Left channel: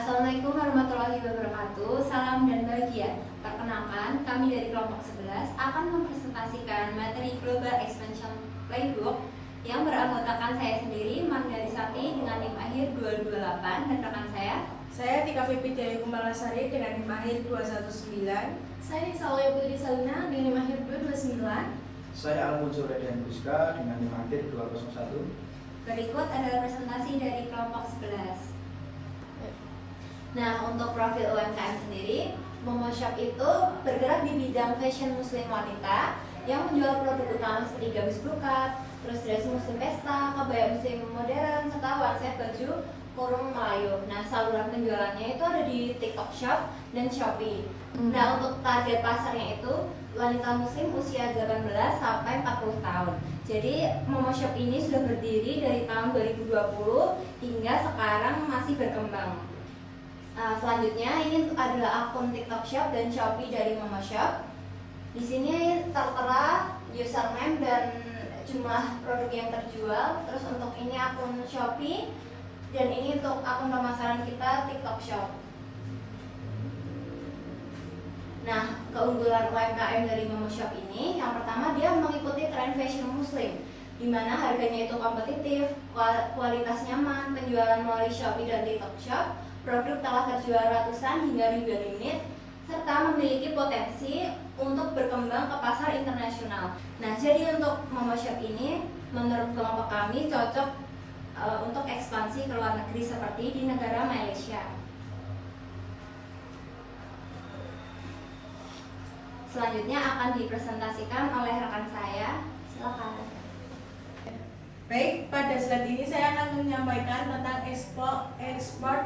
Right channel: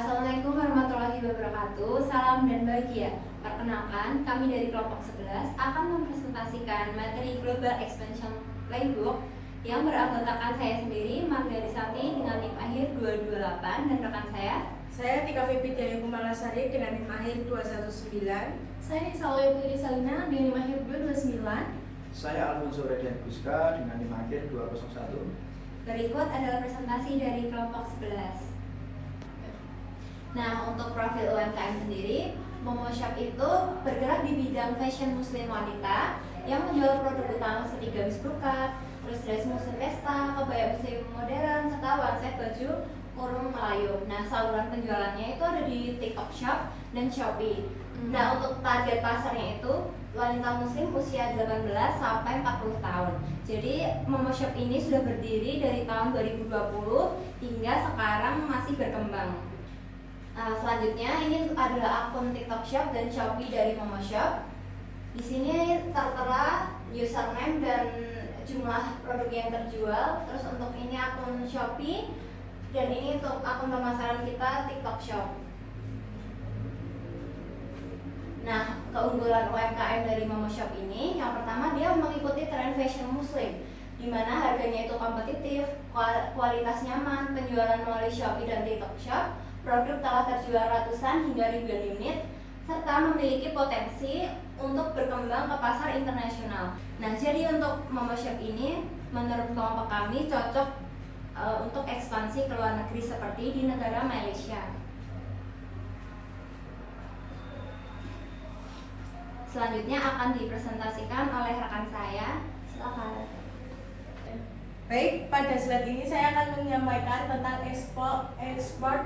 Assalamualaikum warahmatullahi wabarakatuh. Salam dan bahagia. Perkenalkan, kami dari kelompok 11 akan mempresentasikan materi Global Expansion Playbook yang beranggotakan saya sendiri, Margarisati dengan NIM akhir 228, dan rekan saya Tika Vipi dari Kumalasari dengan NIM akhir 219. Saya Salawaya Putri Salina dengan NIM akhir 229. Saya Alfonso Redian Guska dengan NIM akhir 201. Berikut adalah presentasi dari kelompok 11. Nah, untuk profil UMKM sendiri, Momoshop itu bergerak di bidang fashion muslim wanita yang menjual produk utama seperti gamis brokat, terus dress muslim pesta, kebaya muslim modern, serta wangsit baju kurung Melayu. Nah, saluran penjualannya itu ada di TikTok Shop dan Shopee. Nah, untuk target pasarnya itu wanita muslim usia 18 sampai 40 tahun. Jadi, Momoshop ini sudah berdiri dari tahun 2020 hingga sekarang masih berkembang. Selanjutnya ini adalah akun TikTok Shop dan Shopee dari Momoshop. Di sini tertera username dan jumlah produk yang terjual. Terus untuk ini akun Shopee dan ini untuk akun pemasaran kita TikTok Shop. Nah, keunggulan UMKM dari Momoshop ini yang pertama dia mengikuti tren fashion muslim, di mana harganya itu kompetitif, kualitas nyaman, penjualan melalui Shopee dan TikTok Shop. Produk telah terjual ratusan hingga ribuan unit, serta memiliki potensi untuk berkembang ke pasar internasional. Nah, jadi untuk Momoshop ini menurut kelompok kami cocok untuk ekspansi ke luar negeri seperti di negara Malaysia. Selanjutnya akan dipresentasikan oleh rekan saya. Silakan. Baik, pada slide ini saya akan menyampaikan tentang export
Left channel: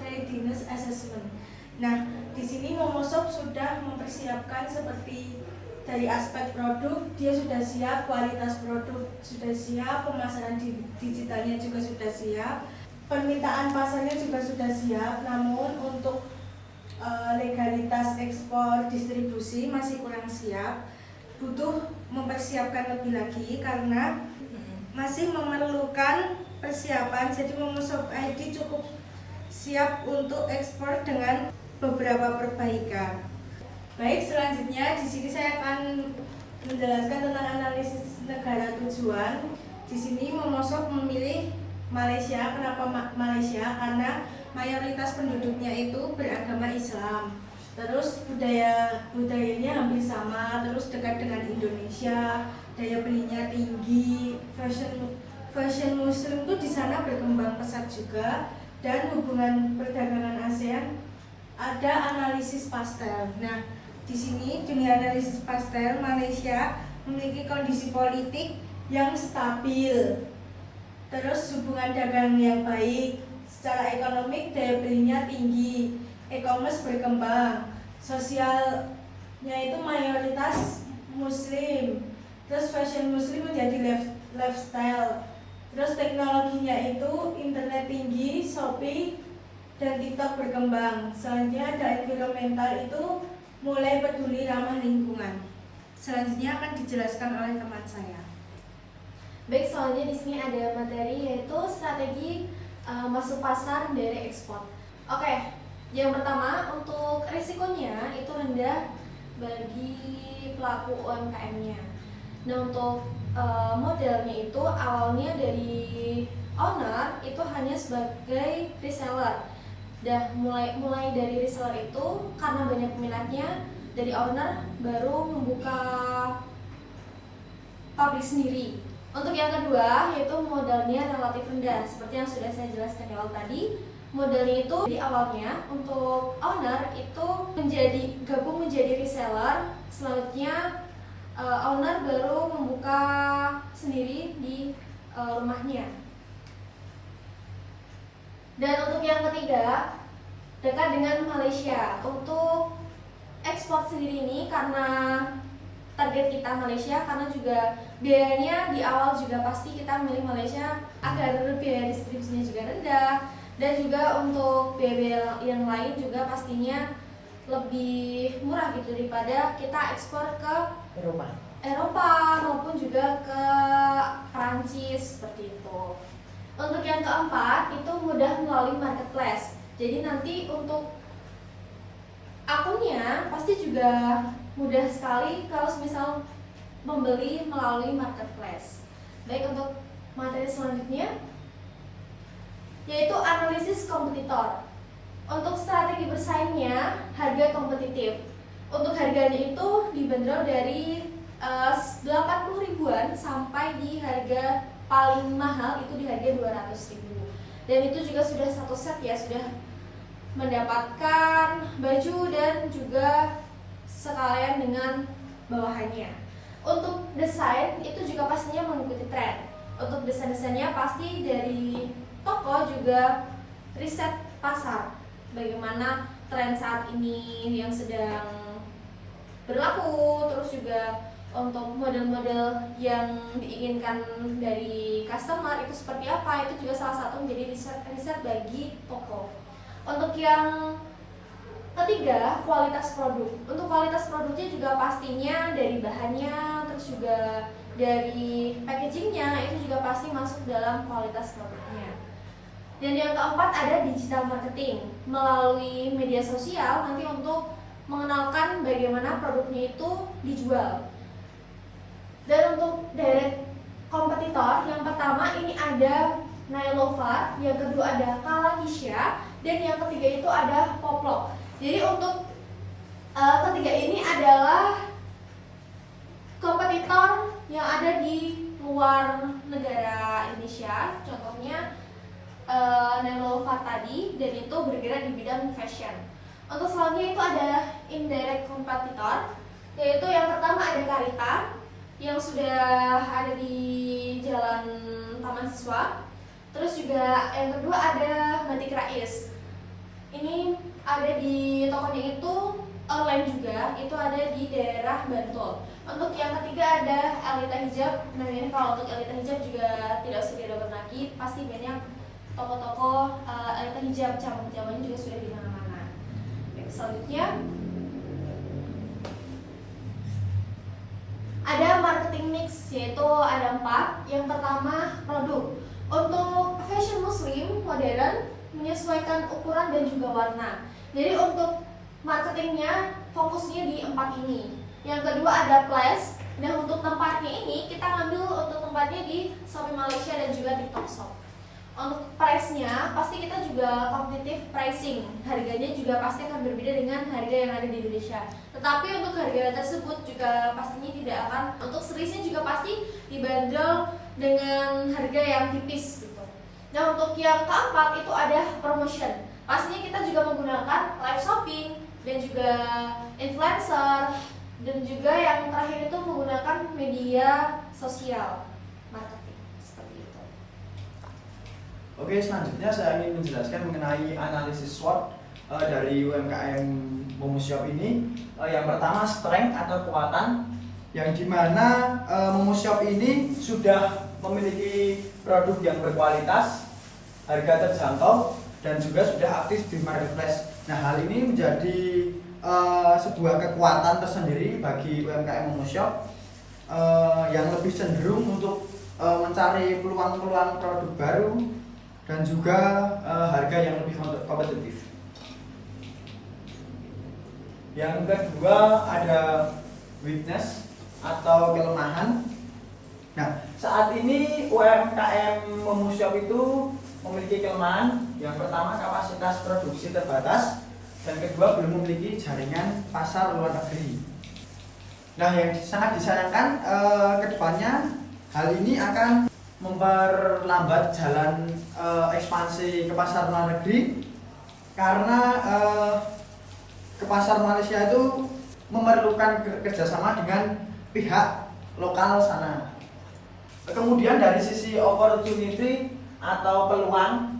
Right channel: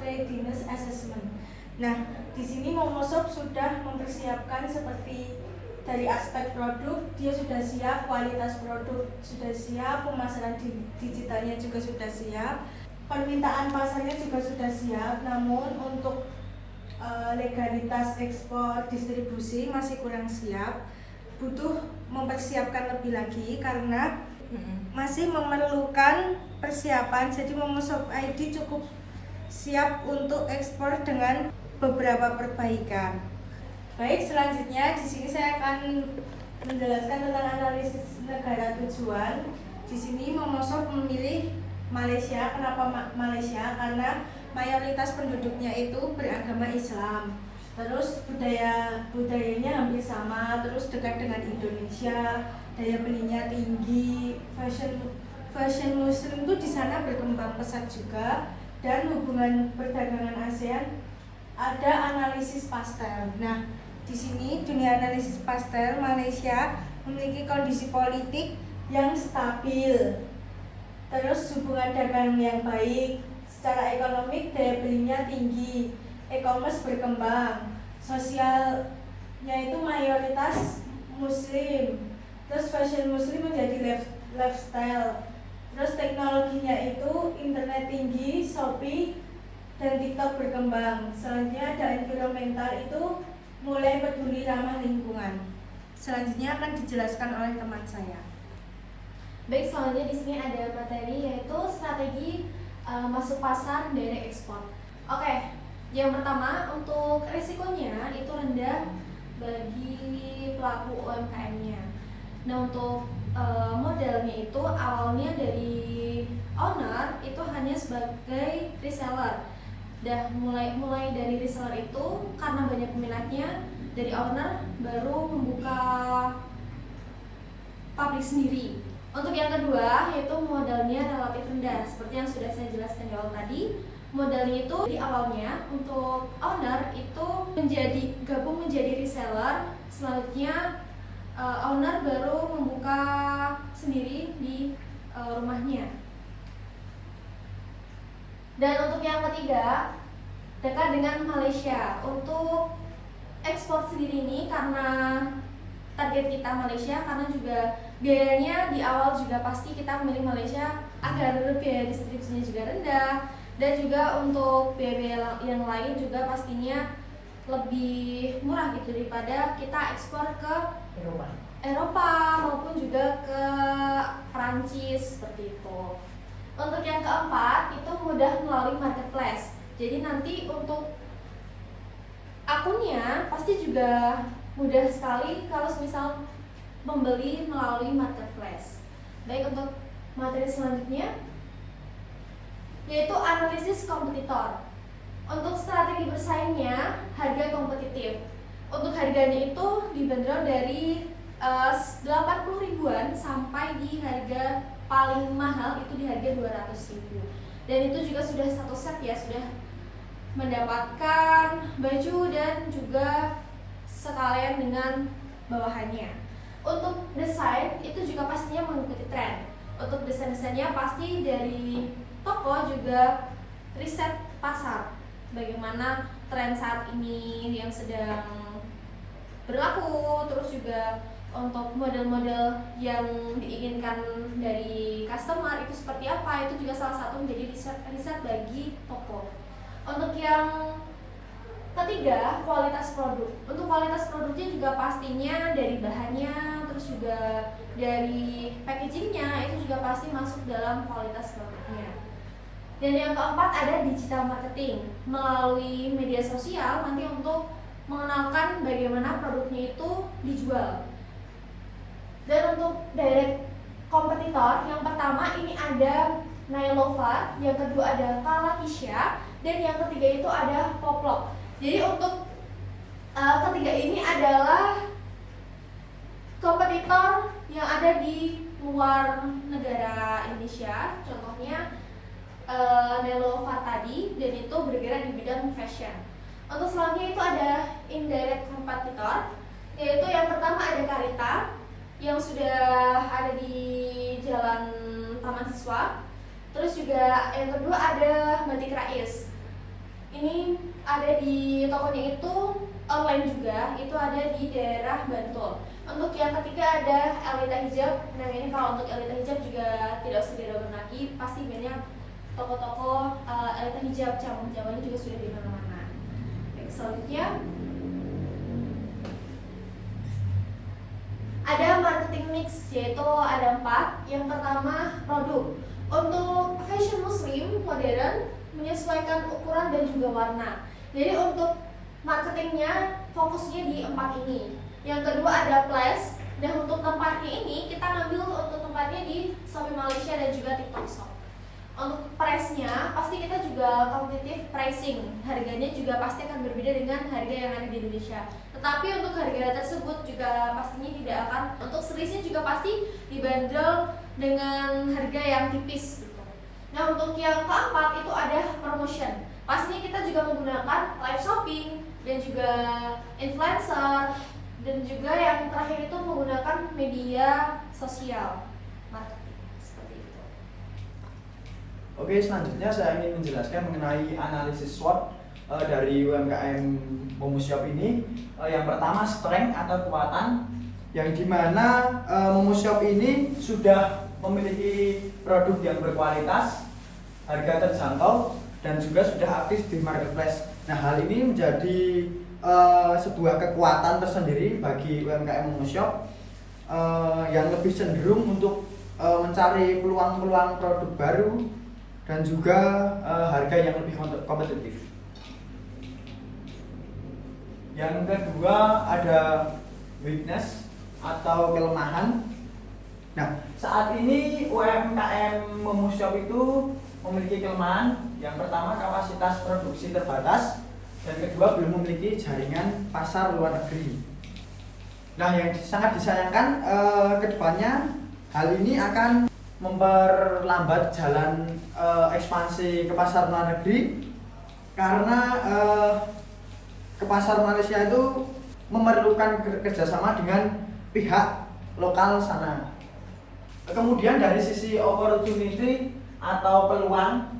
readiness assessment. Nah, di sini Momoshop sudah mempersiapkan seperti dari aspek produk, dia sudah siap, kualitas produk sudah siap, pemasaran digitalnya juga sudah siap, permintaan pasarnya juga sudah siap. Namun untuk legalitas ekspor distribusi masih kurang siap, butuh mempersiapkan lebih lagi karena masih memerlukan persiapan. Jadi Momoshop ID cukup siap untuk ekspor dengan beberapa perbaikan. Baik, selanjutnya di sini saya akan menjelaskan tentang analisis negara tujuan. Di sini Momoshop memilih Malaysia. Kenapa Malaysia? Karena mayoritas penduduknya itu beragama Islam. Terus budayanya hampir sama, terus dekat dengan Indonesia, daya belinya tinggi, fashion muslim itu di sana berkembang pesat juga, dan hubungan perdagangan ASEAN ada analisis pastel. Nah, di sini dunia analisis pastel Malaysia memiliki kondisi politik yang stabil, terus hubungan dagang yang baik, secara ekonomik daya belinya tinggi, e-commerce berkembang, sosialnya itu mayoritas muslim, terus fashion muslim menjadi lifestyle, terus teknologinya itu internet tinggi, Shopee dan TikTok berkembang. Selanjutnya ada environmental, itu mulai peduli ramah lingkungan. Selanjutnya akan dijelaskan oleh teman saya. Baik, selanjutnya di sini ada materi yaitu strategi masuk pasar dari ekspor. Oke, yang pertama untuk risikonya itu rendah bagi pelaku UMKM-nya. Nah, untuk modelnya itu awalnya dari owner itu hanya sebagai reseller. Mulai dari reseller itu karena banyak peminatnya, dari owner baru membuka pabrik sendiri. Untuk yang kedua yaitu modalnya relatif rendah, seperti yang sudah saya jelaskan di awal tadi. Modalnya itu di awalnya untuk owner itu gabung menjadi reseller. Selanjutnya owner baru membuka sendiri di rumahnya. Dan untuk yang ketiga, dekat dengan Malaysia. Untuk ekspor sendiri ini karena target kita Malaysia, karena juga biayanya di awal juga pasti kita memilih Malaysia agar biaya distribusinya juga rendah, dan juga untuk biaya yang lain juga pastinya lebih murah gitu daripada kita ekspor ke Eropa maupun juga ke Perancis seperti itu. Untuk yang keempat itu mudah melalui marketplace. Jadi nanti untuk akunnya pasti juga mudah sekali kalau misal membeli melalui marketplace. Baik, untuk materi selanjutnya yaitu analisis kompetitor. Untuk strategi bersaingnya, harga kompetitif. Untuk harganya itu dibanderol dari 80 ribuan sampai di harga paling mahal itu di harga 200 ribu. Dan itu juga sudah satu set ya, sudah mendapatkan baju dan juga sekalian dengan bawahannya. Untuk desain itu juga pastinya mengikuti tren. Untuk desain-desainnya pasti dari toko juga riset pasar, bagaimana tren saat ini yang sedang berlaku, terus juga untuk model-model yang diinginkan dari customer itu seperti apa, itu juga salah satu menjadi riset bagi toko. Untuk yang ketiga, kualitas produk. Untuk kualitas produknya juga pastinya dari bahannya, terus juga dari packagingnya, itu juga pasti masuk dalam kualitas produknya. Dan yang keempat ada digital marketing melalui media sosial nanti untuk mengenalkan bagaimana produknya itu dijual. Dan untuk direct kompetitor, yang pertama ini ada Nailovar, yang kedua ada Kalanisha, dan yang ketiga itu ada Poplok. Jadi untuk ketiga ini adalah kompetitor yang ada di luar negara Indonesia, contohnya Nailovar tadi, dan itu bergerak di bidang fashion. Untuk selanjutnya itu ada indirect competitor, yaitu yang pertama ada Karita yang sudah ada di Jalan Taman Siswa. Terus juga yang kedua ada Batik Rais. Ini ada di tokonya itu online juga, itu ada di daerah Bantul. Untuk yang ketiga ada Elita Hijab. Nah ini kalau untuk Elita Hijab juga tidak usah diragukan lagi, pasti banyak toko-toko Elita Hijab, cabang-cabangnya juga sudah di mana-mana. Baik, selanjutnya ada marketing mix, yaitu ada 4. Yang pertama produk. Untuk fashion muslim modern menyesuaikan ukuran dan juga warna. Jadi untuk marketingnya fokusnya di 4 ini. Yang kedua ada plus, dan untuk tempatnya ini kita ngambil untuk tempatnya di Shopee Malaysia dan juga TikTok Shop. Untuk price-nya pasti kita juga competitive pricing, harganya juga pasti akan berbeda dengan harga yang ada di Indonesia. Tetapi untuk harga tersebut juga pastinya tidak akan, untuk seriesnya juga pasti dibanderol dengan harga yang tipis gitu. Nah untuk yang keempat itu ada promotion. Pastinya kita juga menggunakan live shopping dan juga influencer, dan juga yang terakhir itu menggunakan media sosial marketing seperti itu. Oke, selanjutnya saya ingin menjelaskan mengenai analisis SWOT dari UMKM Momoshop ini. Yang pertama strength atau kekuatan, yang dimana Momoshop ini sudah memiliki produk yang berkualitas, harga terjangkau, dan juga sudah aktif di marketplace. Nah hal ini menjadi sebuah kekuatan tersendiri bagi UMKM Momoshop yang lebih cenderung untuk mencari peluang-peluang produk baru dan juga harga yang lebih kompetitif. Yang kedua ada weakness atau kelemahan. Nah, saat ini UMKM Momoshop itu memiliki kelemahan. Yang pertama kapasitas produksi terbatas, dan kedua belum memiliki jaringan pasar luar negeri. Nah, yang sangat disayangkan kedepannya hal ini akan memperlambat jalan ekspansi ke pasar luar negeri, karena ke pasar Malaysia itu memerlukan kerjasama dengan pihak lokal sana. Kemudian dari sisi opportunity atau peluang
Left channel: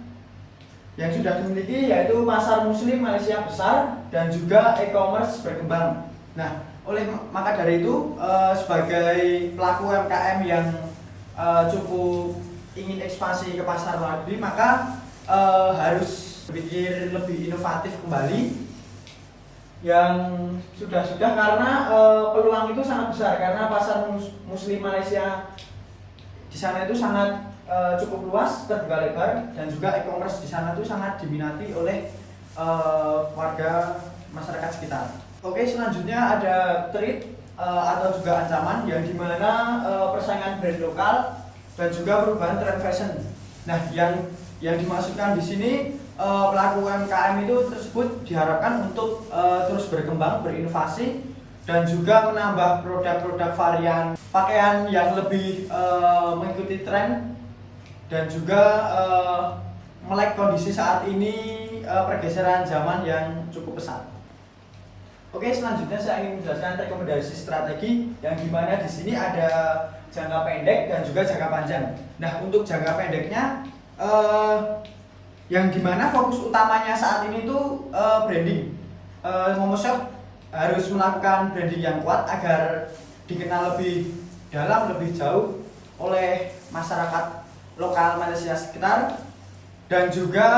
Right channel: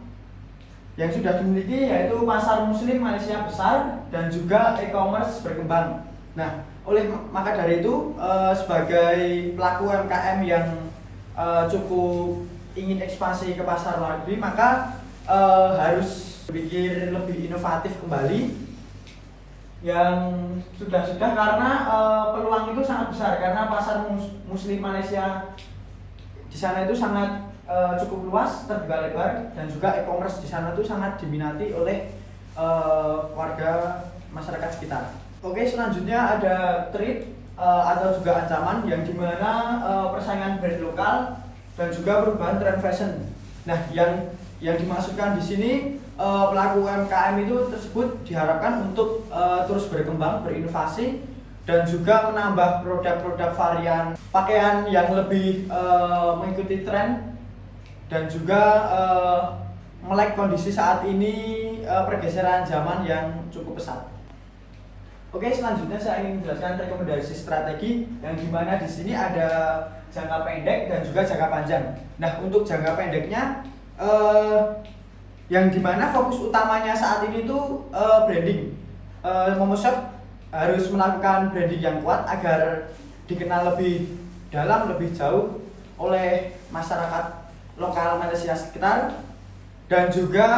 yang sudah dimiliki, yaitu pasar muslim Malaysia besar dan juga e-commerce berkembang. Nah, maka dari itu sebagai pelaku UMKM yang cukup ingin ekspansi ke pasar luar negeri, maka harus berpikir lebih inovatif kembali. Yang sudah karena peluang itu sangat besar, karena pasar muslim Malaysia di sana itu sangat cukup luas, terbuka lebar, dan juga e-commerce di sana itu sangat diminati oleh warga masyarakat sekitar. Oke, selanjutnya ada threat atau juga ancaman yang dimana persaingan brand lokal dan juga perubahan tren fashion. Nah, yang dimaksudkan di sini pelaku UMKM itu tersebut diharapkan untuk terus berkembang, berinovasi dan juga menambah produk-produk varian pakaian yang lebih mengikuti tren dan juga melek kondisi saat ini pergeseran zaman yang cukup pesat. Oke, selanjutnya saya ingin menjelaskan rekomendasi strategi yang dimana di sini ada jangka pendek dan juga jangka panjang. Nah, untuk jangka pendeknya yang dimana fokus utamanya saat ini itu branding. Momoshop harus melakukan branding yang kuat agar dikenal lebih dalam, lebih jauh oleh masyarakat lokal Malaysia sekitar dan juga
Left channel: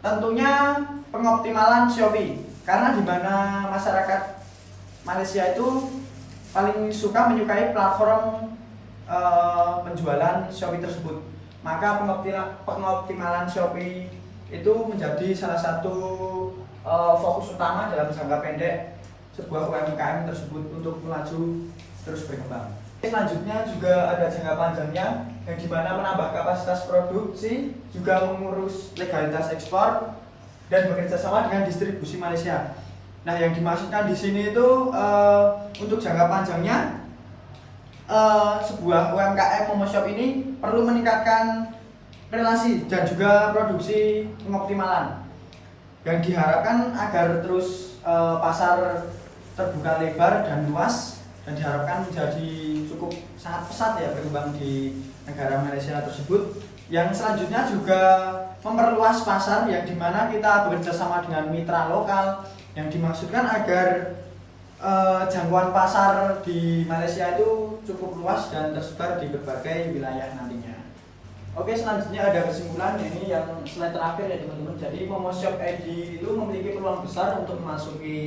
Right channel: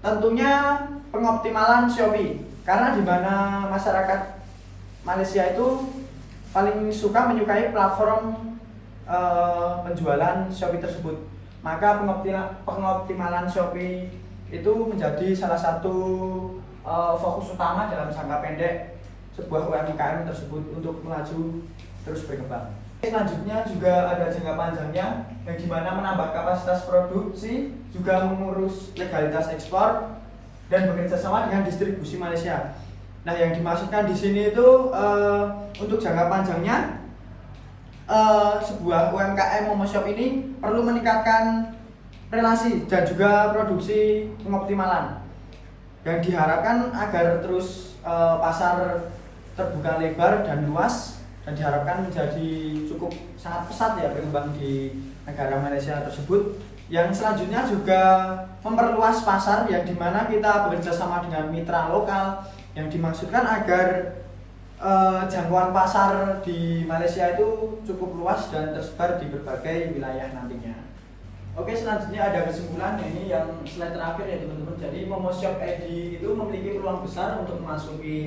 tentunya pengoptimalan Shopee. Karena di mana masyarakat Malaysia itu paling menyukai platform penjualan Shopee tersebut. Maka pengoptimalan Shopee itu menjadi salah satu fokus utama dalam jangka pendek sebuah UMKM tersebut untuk melaju terus berkembang. Selanjutnya juga ada jangka panjangnya yang dimana menambah kapasitas produksi, juga mengurus legalitas ekspor dan bekerja sama dengan distribusi Malaysia. Nah, yang dimaksudkan di sini itu untuk jangka panjangnya sebuah UMKM Momoshop ini perlu meningkatkan relasi dan juga produksi pengoptimalan yang diharapkan agar terus pasar terbuka lebar dan luas dan diharapkan menjadi cukup sangat pesat ya berkembang di negara Malaysia tersebut. Yang selanjutnya juga memperluas pasar yang dimana kita bekerja sama dengan mitra lokal yang dimaksudkan agar jangkauan pasar di Malaysia itu cukup luas dan tersebar di berbagai wilayah nantinya. Oke, selanjutnya ada kesimpulan ini yang slide terakhir ya teman-teman. Jadi Momoshop ID itu memiliki peluang besar untuk memasuki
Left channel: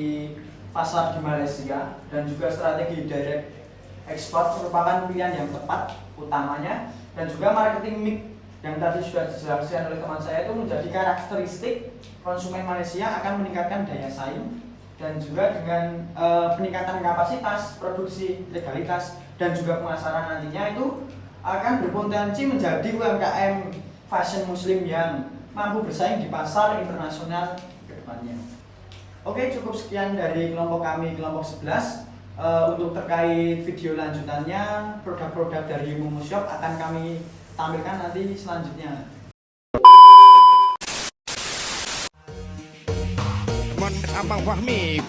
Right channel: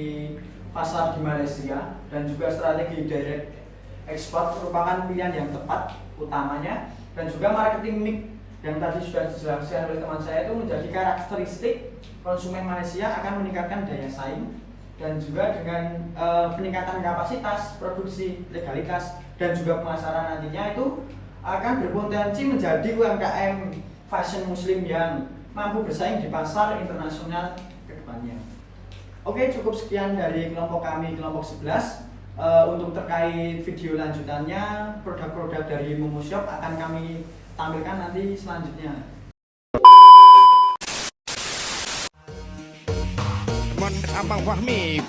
pasar di Malaysia dan juga strategi direct export merupakan pilihan yang tepat utamanya, dan juga marketing mix yang tadi sudah dijelaskan oleh teman saya itu menjadi karakteristik konsumen Malaysia akan meningkatkan daya saing dan juga dengan peningkatan kapasitas produksi, legalitas dan juga pemasaran nantinya itu akan berpotensi menjadi UMKM fashion muslim yang mampu bersaing di pasar internasional ke depannya. Oke, cukup sekian dari kelompok kami, kelompok 11. Untuk terkait video lanjutannya, produk-produk dari Momoshop akan kami tampilkan nanti selanjutnya. Abang Fahmi.